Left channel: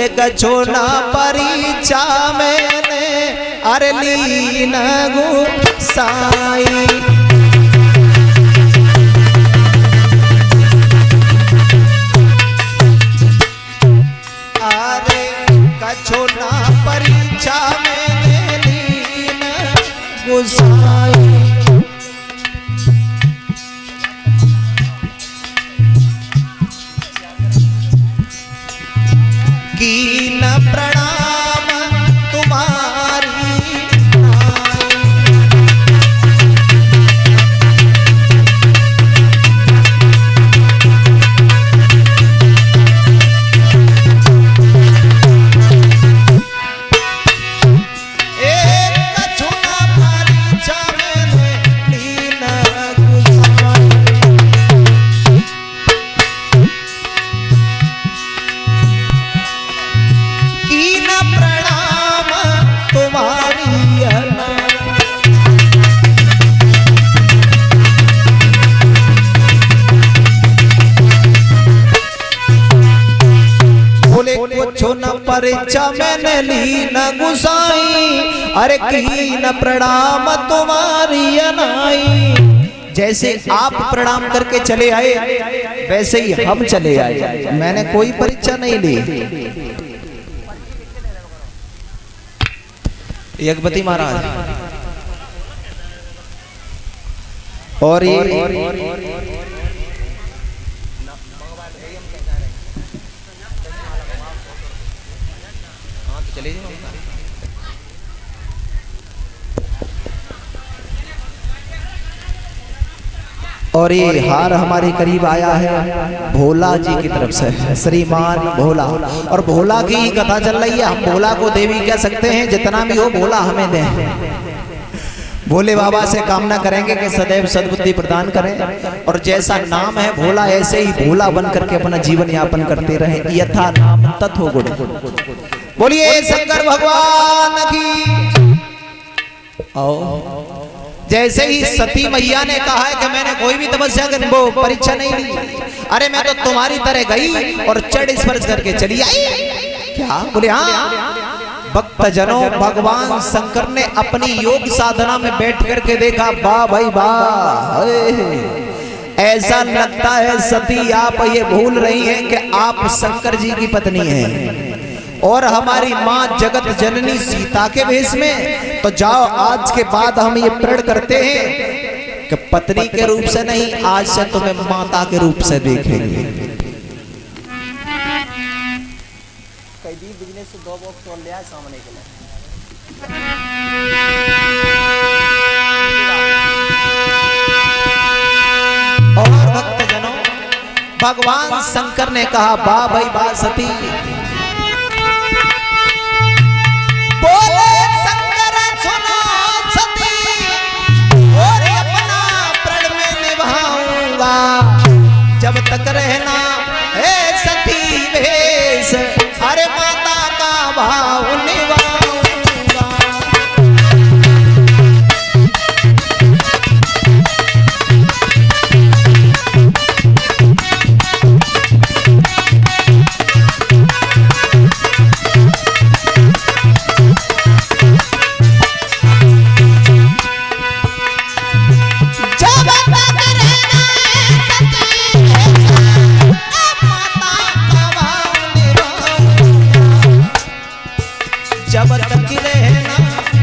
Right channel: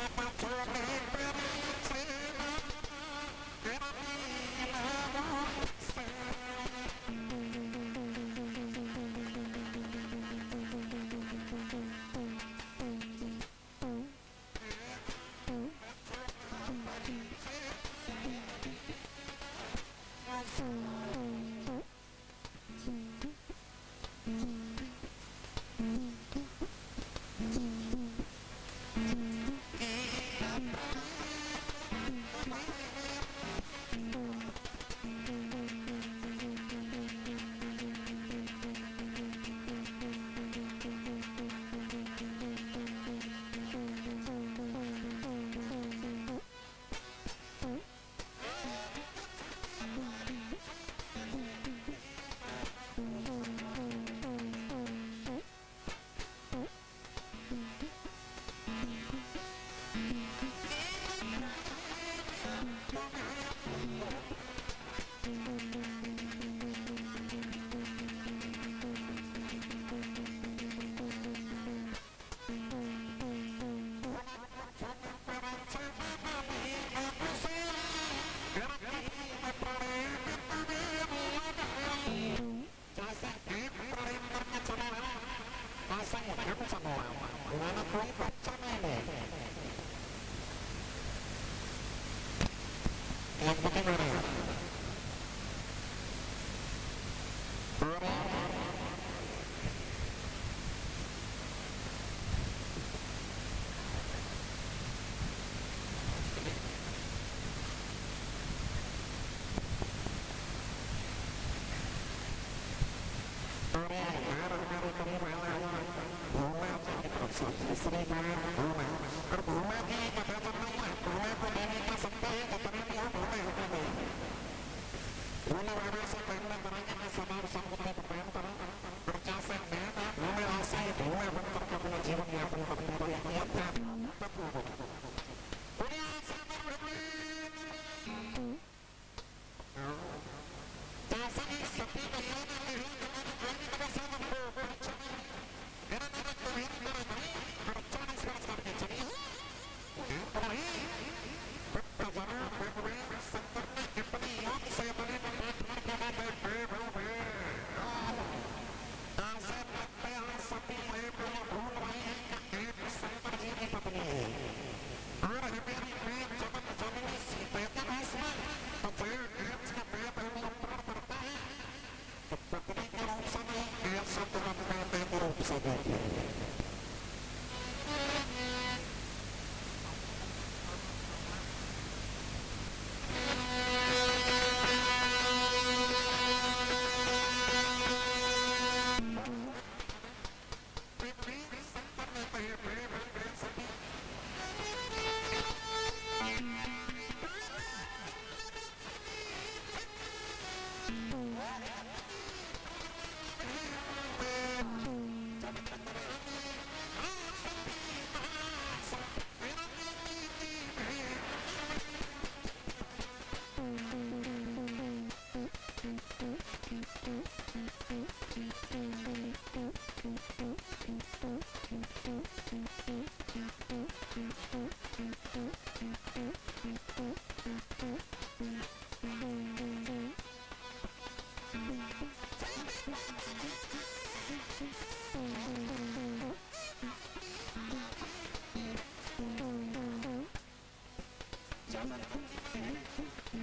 के कछो ना परीक्षा मैंने अरे लीन गुसाई। अरे कछो ना परीक्षा मैंने लीन गुसाई। कीन प्रणाम तुम्हारी परीक्षा मैंने ली न गुसाई। अरे की न प्रणाम तुम्हारी अनाई। जैसे आप प्रणाम करके चले आए वैसे ही हम चले आए, मैंने कोई परीक्षा नहीं ली। यज्ञपति महाराज और ये और ये हार हमारे करीब आया है भोला जी की तरफ से, श्रीमान भोला। और भोला की ही कथा चल रही है। हम भोला को देवी कह सकते हैं, जितना भी हो भोला हमें दें। भोले बाबा से कामना करेंगे कि सदैव सद्बुद्धि प्रदान करें और जैसा नाम है भोला ऐसे ही भोला बन करके अपना जीवन यापन करते रहे। यथा नाम तथो गुण। बोलिए शंकर भगवान की। आओ जैसे ही सती मैया ने कहा है कि मैंने कोई भी तपस्या कर वो परीक्षा नहीं ली, अरे मैं तो तुम्हारी तरह गई और चढ़ स्पर्श करके चली आई। क्या बोले? हाँ भक्त जनों, भगवान शंकर ने अपनी योग साधना में बैठ करके देखा, वाह भाई वाह, ऐसा लगता है सती आप ये भूल रही हैं कि आप शंकर जी की पत्नी हैं और हमारी माँ जगत जननी सीता के भेष में। तो जाओ आज के बाद हम ये प्रण करते हैं कि पत्नी के रूप से नहीं, आज से तुम्हें माता के रूप से देखेंगे। और भक्तजनों, भगवान शंकर ने कहा, वाह भाई वाह सती, बोले शंकर सुनो सती, और अपना प्रण में निभाऊंगा जब तक रहना है सती भेष, अरे माता का भाव निभाऊंगा। जब तक रहना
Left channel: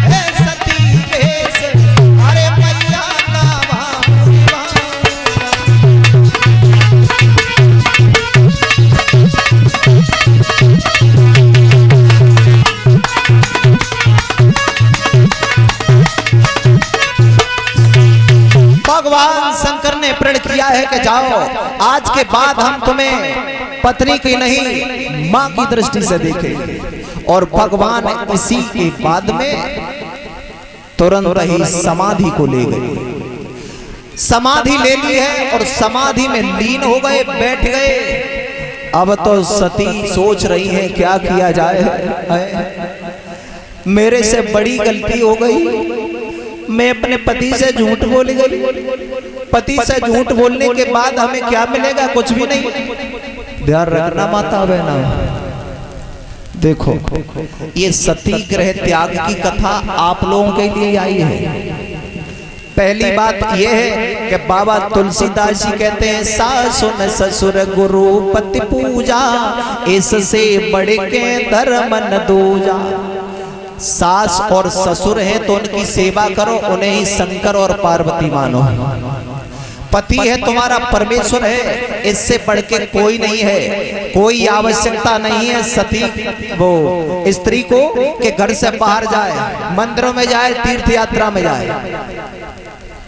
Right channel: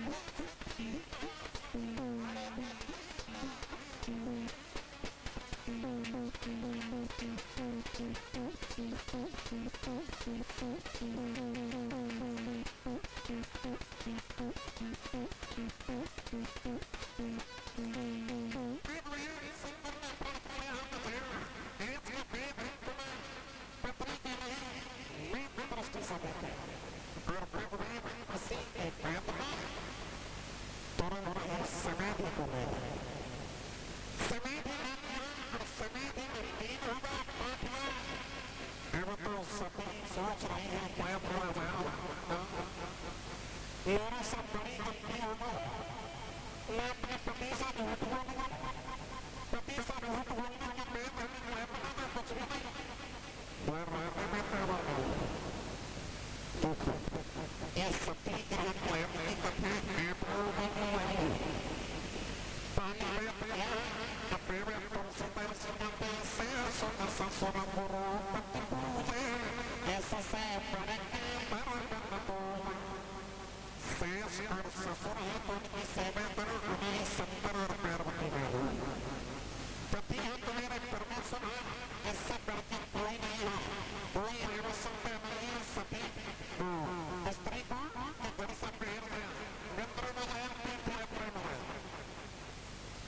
है सती भेष, अरे मैया का भाव भगवान शंकर ने प्रण किया है कि जाओ आज के बाद हम तुम्हें पत्नी की नहीं मां की दृष्टि से देखेंगे। और भगवान इसी के बाद में तुरंत ही समाधि को ले गए। समाधि ले ली है और समाधि में लीन हो गए, बैठ गए। अब तो सती सोच रही है क्या किया जाए, मेरे से बड़ी गलती हो गई, मैं अपने पति से झूठ बोल गई। पति से झूठ बोलने के बाद हमें क्या मिलेगा? कुछ भी नहीं। ध्यान रखना माता बहना, देखो ये सती ग्रह त्याग की कथा आप लोगों के लिए आई है। पहली बात यह है कि बाबा तुलसीदास जी कहते हैं सासुन ससुर गुरु पति पूजा, इससे बढ़ के धर्म न दूजा। सास और ससुर हैं तो उनकी सेवा करो, उन्हें ही शंकर और पार्वती मानो। पति है तुम्हारा परमेश्वर है, इससे बढ़ के कोई नहीं है। कोई आवश्यकता नहीं है सती वो स्त्री को कि घर से बाहर जाए, मंदिरों में जाए, तीर्थ यात्रा में जाए।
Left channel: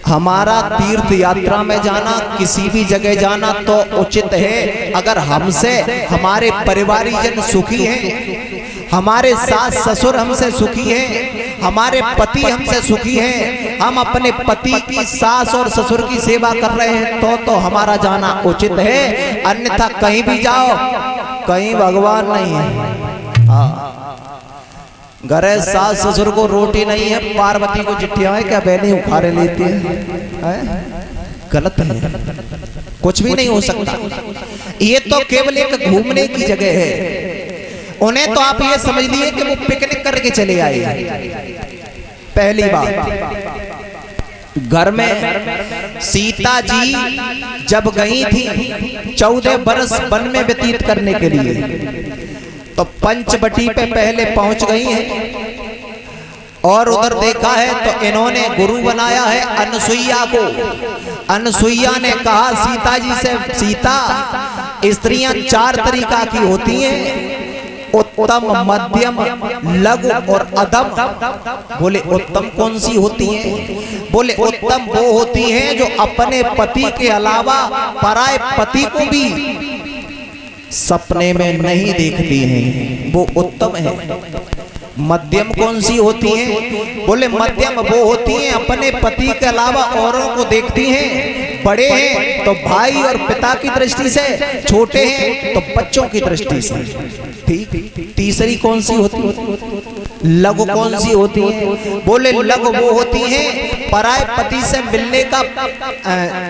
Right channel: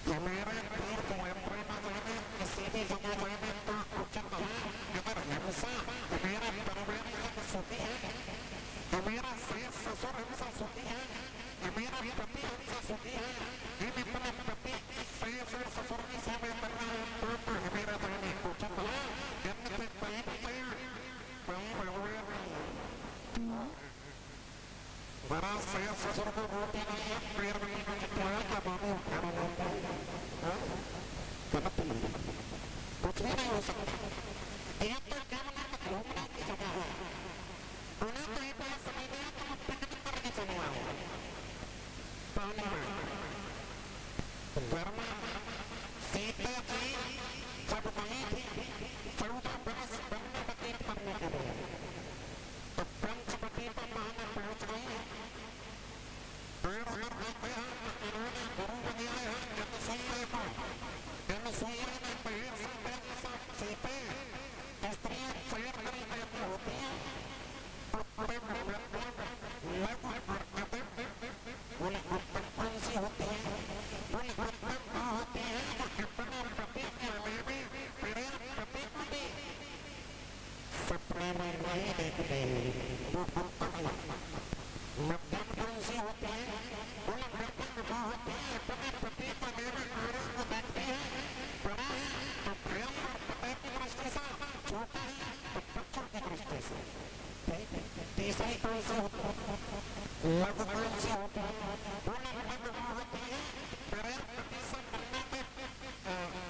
हमारा तीर्थ यात्रा में जाना, किसी भी जगह जाना तो उचित है अगर हमसे हमारे परिवारजन सुखी हैं, हमारे सास ससुर हमसे सुखी हैं, हमारे पति हमसे सुखी हैं, हम अपने पति की सास और ससुर की सेवा कर रहे हैं तो हमारा जाना उचित है। अन्यथा कहीं भी जाओ, कहीं भगवान नहीं है। हाँ, घर सास ससुर को रोटी नहीं है, पार्वती को चिट्ठियां है क्या बहनी उखाड़े लेती है? गलत है, कुछ भी नहीं हो सकता। ये तो केवल एक घूमने की जगह है। उन्हें तो आप ये समझ लिए कि वो पिकनिक करके चले आए। पहली बात, घर में सीता जी जब गई थी 14 बरस वन में व्यतीत करने के लिए, तो पंचवटी पे पहले पहुंच गई हैं और उधर देखा है तो इन्होंने गुरु बनाया है अनसुईया को। अनसुईया ने कहा सीता जी से, सीता स्त्रियां 4 तरीका की होती हैं, उत्तम, मध्यम, लघु और अधम। बोले उत्तम कौन सी होती हैं? बोले उत्तम वो होती हैं जो अपने पति के अलावा पराये पति को भी सपने में नहीं देखती हैं, वो उत्तम है। मध्यम कौन सी होती हैं? बोले मध्यम वो होती हैं अपने पति के अलावा औरों को देखती हैं। बड़े हैं तो भाई और पिता की दृष्टि से, छोटे हैं तो बच्चों की दृष्टि से। ठीक। तीसरी कौन सी होती है? लघु कौन सी होती है? बोले लघु वो होती हैं पराये पति से मिलने का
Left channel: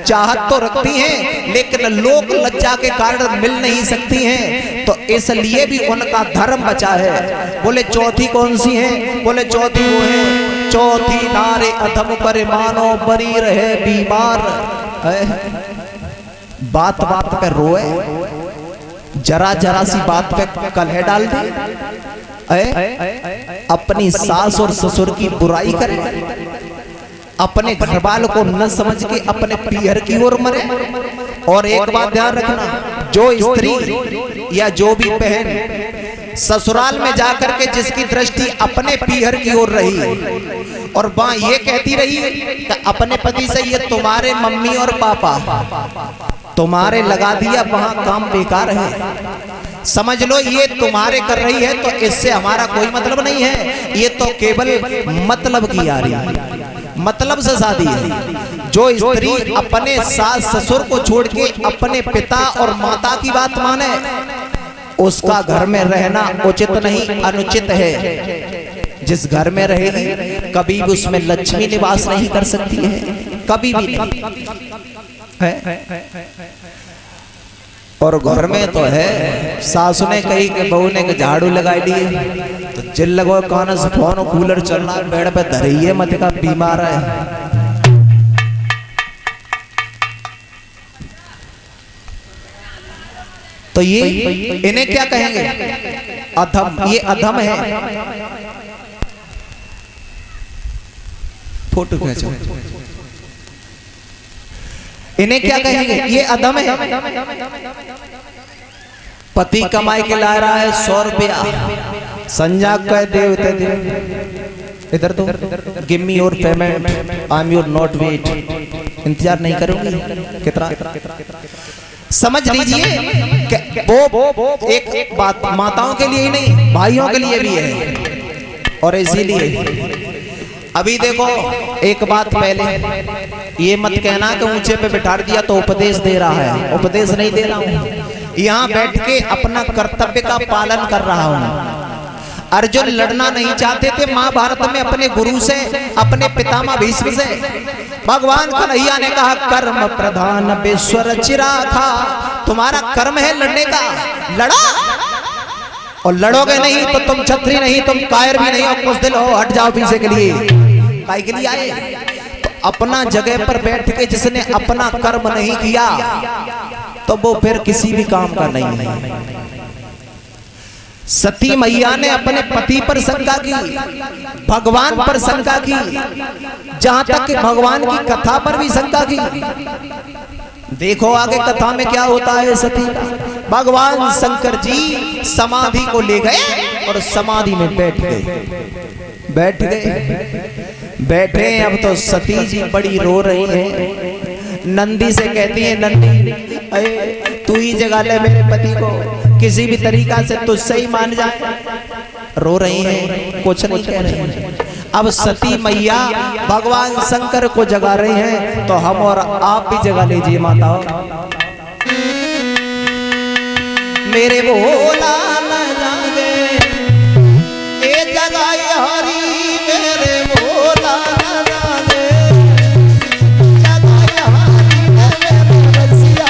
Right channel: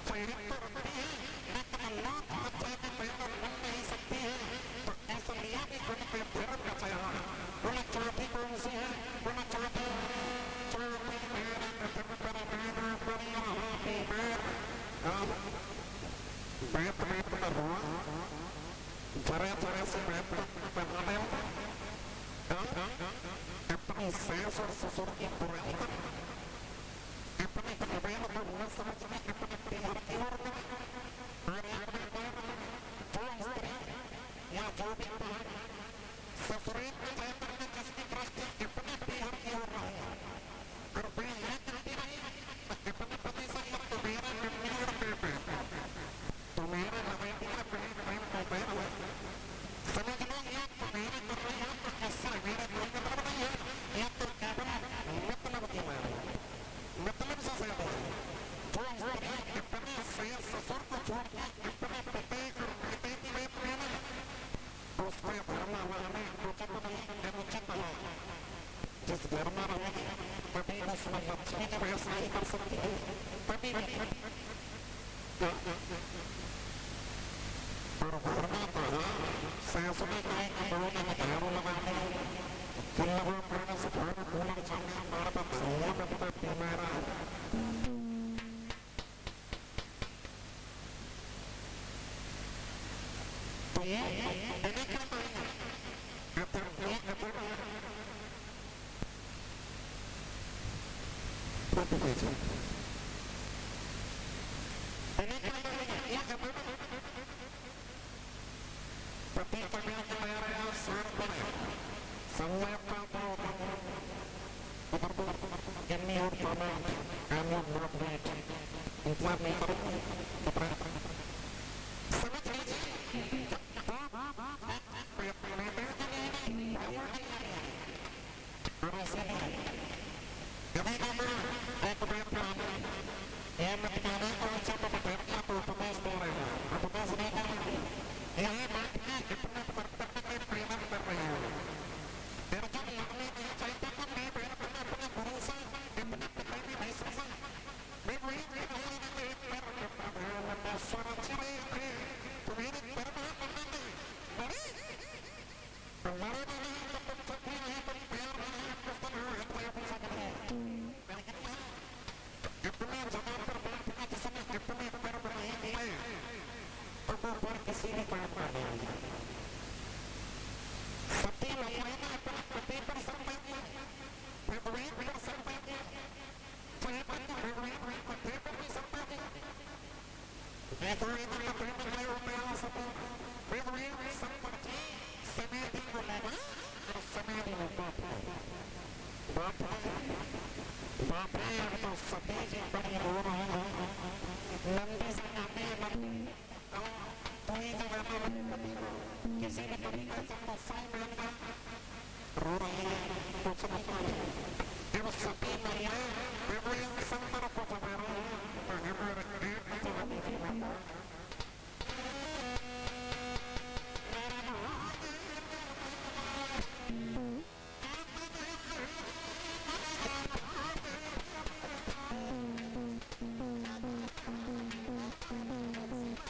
चाहत तो रखती हैं लेकिन लोक लज्जा के कारण मिल नहीं सकती हैं, तो इसलिए भी उनका धर्म बचा है। बोले चौथी कौन सी है? बोले चौथी वो है, चौथी नारे अधम पर मानो बरी रहे बीमार। बात बात पे रोए, जरा जरा सी बात पे कलह डाल दे, अपनी सास और ससुर की बुराई करे, अपने घरवालों को न समझ के अपने पीहर की ओर मरे। और एक बात ध्यान रखना, जो स्त्री या जो भी बहन ससुराल में जाकर के जिसकी दृष्टि अपने पीहर की ओर रही और वहां ये कहती रही कि अपने पति से ये तुम्हारे मम्मी और पापा तुम्हारे लगा दिया, वहां काम बेकार है, समझ लो ये तुम्हारे कर रही है, तो इससे हमारा कोई मतलब नहीं है, ये तो केवल मतलब की आ रही है, मतलब से शादी है। जो स्त्री अपने सास ससुर को छोड़ के अपने पिता और माता की बात माने, उसका घर में रहना उचित नहीं, अनुचित है। जिस घर में रहेगी कभी भी उसमें लक्ष्मी निवास नहीं कर सकती है, कभी भी नहीं है। और घर में तो है, सासु ने कही कि बहू ने झाड़ू लगाई दी तो चिल लगो कान से फोन कूलर चल रहा है, बेड पे धरिए मत का बीमार है। तो ये इन्हें क्या कहेंगे? अधम। ये अधम है। फोटो खींचो। इन्हें क्या कहेंगे? ये अधम है। पति कमाई के ला रहा है 100 रुपया, संजा कह देवते दे इधर तो give me your payment, I am your not wait. इंतजार नहीं करूंगी कितना, समझ लीजिए कि वो एक बात माताओं के लिए ही नहीं, भाइयों के लिए भी है। और इसीलिए अभी देखो एक बात, पहले ये मत कहना कि ऊंचे पे बिठा दिया तो उपदेश दे रहा है, उपदेश नहीं दे रहा हूं, यहाँ बैठ के अपना कर्तव्य का पालन कर रहा हूं। अर्जुन लड़ना नहीं चाहते थे महाभारत में अपने गुरु से, अपने पितामह भीष्म से। भगवान कन्हैया ने कहा कर्म प्रधान विश्व रचिरा था, तुम्हारा कर्म है लड़ने का, लड़ा और लड़ोगे नहीं तो तुम छत्री नहीं, तुम कायर भी नहीं, और कुछ दिल हो हट जाओ पीछे के लिए। काहे के लिए आए? तो अपना जगह पर बैठ के जिसने अपना कर्म नहीं किया तो वो फिर किसी भी काम का नहीं है। सती मैया ने अपने पति पर शंका की, भगवान पर शंका की, जहां तक कि भगवान की कथा पर भी शंका की। देखो आगे कथा में क्या होता है। सती भगवान शंकर जी समाधि को ले गए और समाधि में बैठ गए। बैठे अब तो सती जी बड़ी रो रही है। नंदी से कहती है, नंदी अरे तू ही जगा ले मेरे पति को, किसी भी तरीका से तुझसे ही मान जाए। रो रही है, कुछ नहीं कह रही है। अब सती मैया भगवान शंकर को जगा रही हैं, तो हम और आप भी जगा लीजिए माता। मेरे भोला न जागे ए जगाई हरी, मेरे भोला न जागे जगाई हरी, मेरे बसिया।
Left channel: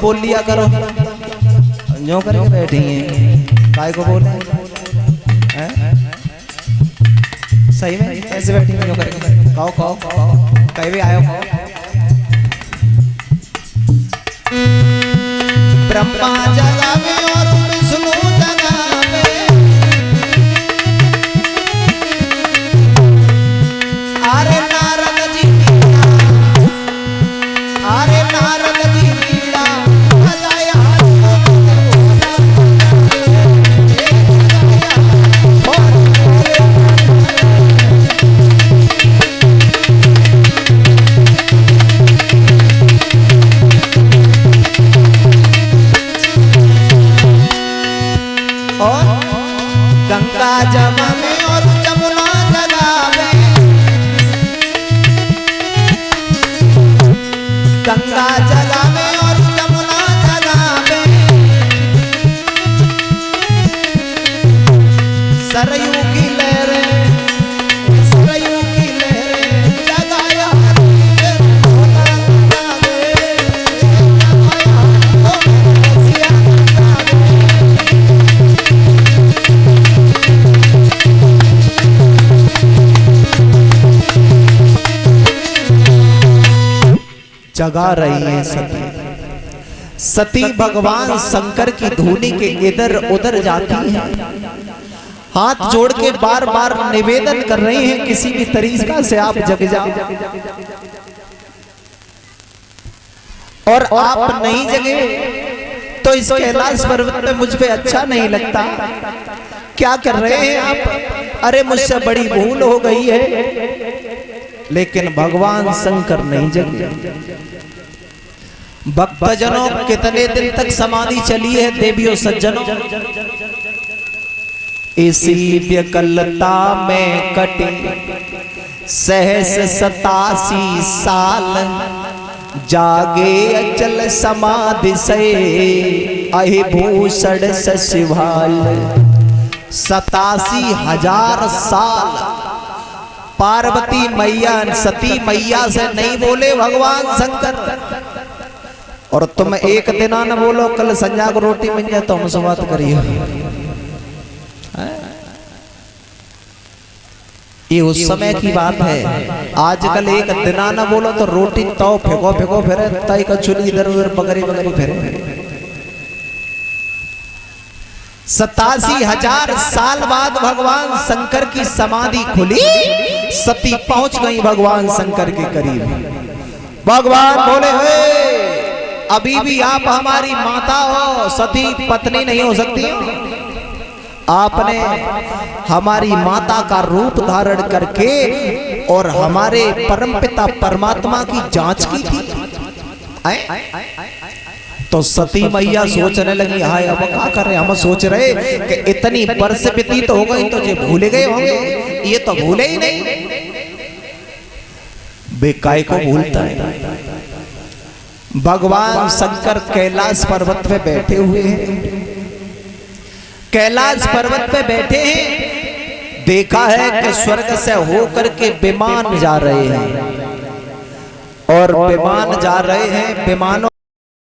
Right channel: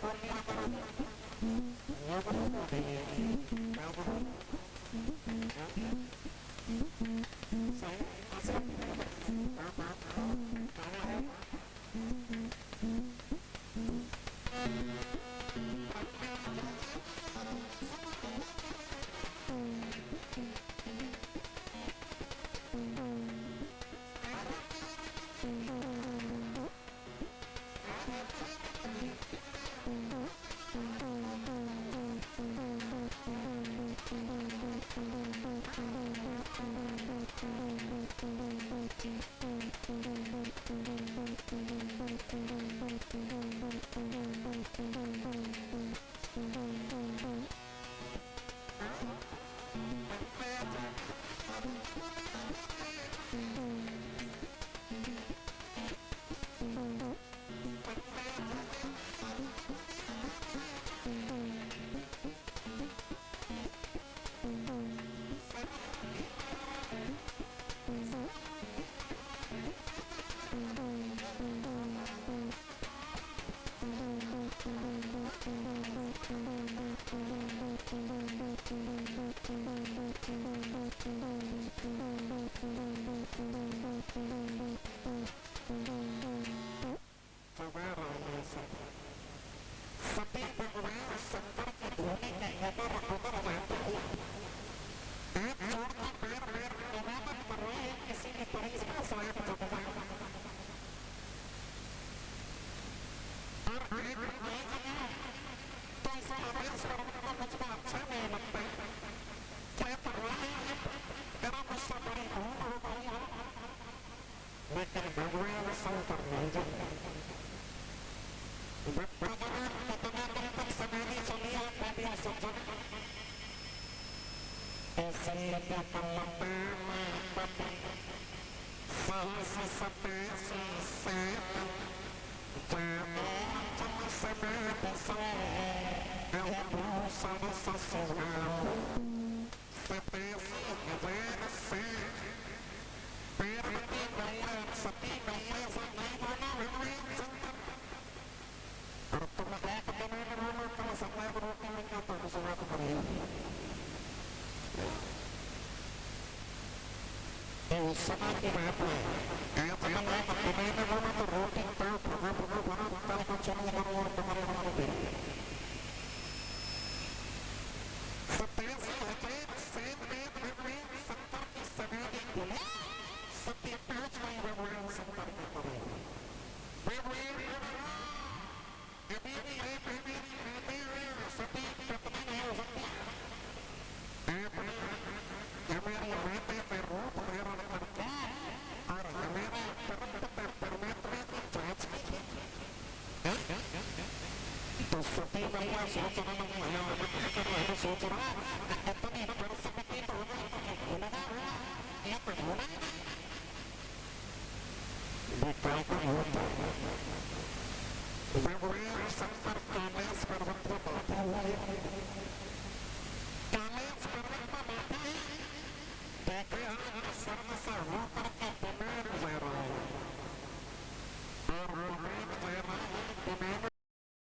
बोल लिया करो, जो करके बैठी हैं काय को बोल हैं? सही में ऐसे बैठी हैं, जो करके कहो कहो कहो, कहीं भी आयो कहो। ब्रह्मा जगावे और विष्णु जगावे, अरे नारद जी, अरे नारद जी गंगा जमा में और जमुना जगावे, गंगा जगावे और जमुना जगावे, सरयू की लहरें, सरयू की लहरें जगाया जगा रही है सती। सती भगवान शंकर की धुनी के इधर उधर जाती है, हाथ जोड़ के बार बार निवेदन कर रही हैं, किसी भी तरीका से आप जग जाओ। और आप नहीं जगे तो इस कैलाश पर्वत पे मुझ पे अच्छा नहीं लगता। क्या कर रहे हैं आप? अरे मुझसे बड़ी भूल हो गई है। लेकिन भगवान शंकर नहीं जगे। भक्तजनों कितने दिन तक समाधि चली है देवियों सज्जनों? इसी व्यकलता में कटे सहस 87 साल, जागे अचल समाधि से अहि भूषण सशिवाल 87,000 साल पार्वती मैया सती मैया से नहीं बोले भगवान शंकर। और तुम एक दिन न बोलो कल संजा को रोटी मिल जाए तो हमसे बात करिए। ये उस समय की बात है। आजकल एक दिना न बोलो तो रोटी तो फेंको फेंको फिर तय का चुली इधर उधर बगरी बगरी फिरे। 87,000 साल बाद भगवान शंकर की समाधि खुली, सती पहुंच गई भगवान शंकर के करीब। भगवान बोले अभी भी आप हमारी माता हो, सती पत्नी नहीं हो सकती। आपने हमारी माता का रूप धारण करके और हमारे परमपिता परमात्मा की जांच की थी। तो सती मैया सोचने लगी हाय अब क्या कर रहे, हम सोच रहे कि इतनी वर्ष बीती तो हो गई तो ये भूल गए होंगे, ये तो भूले ही नहीं। बेकाय को भूलता है। भगवान शंकर कैलाश पर्वत पे बैठे हुए हैं। कैलाश पर्वत पे बैठे हैं, देखा है कि स्वर्ग से होकर के विमान जा रहे हैं और विमान जा रहे हैं। विमानों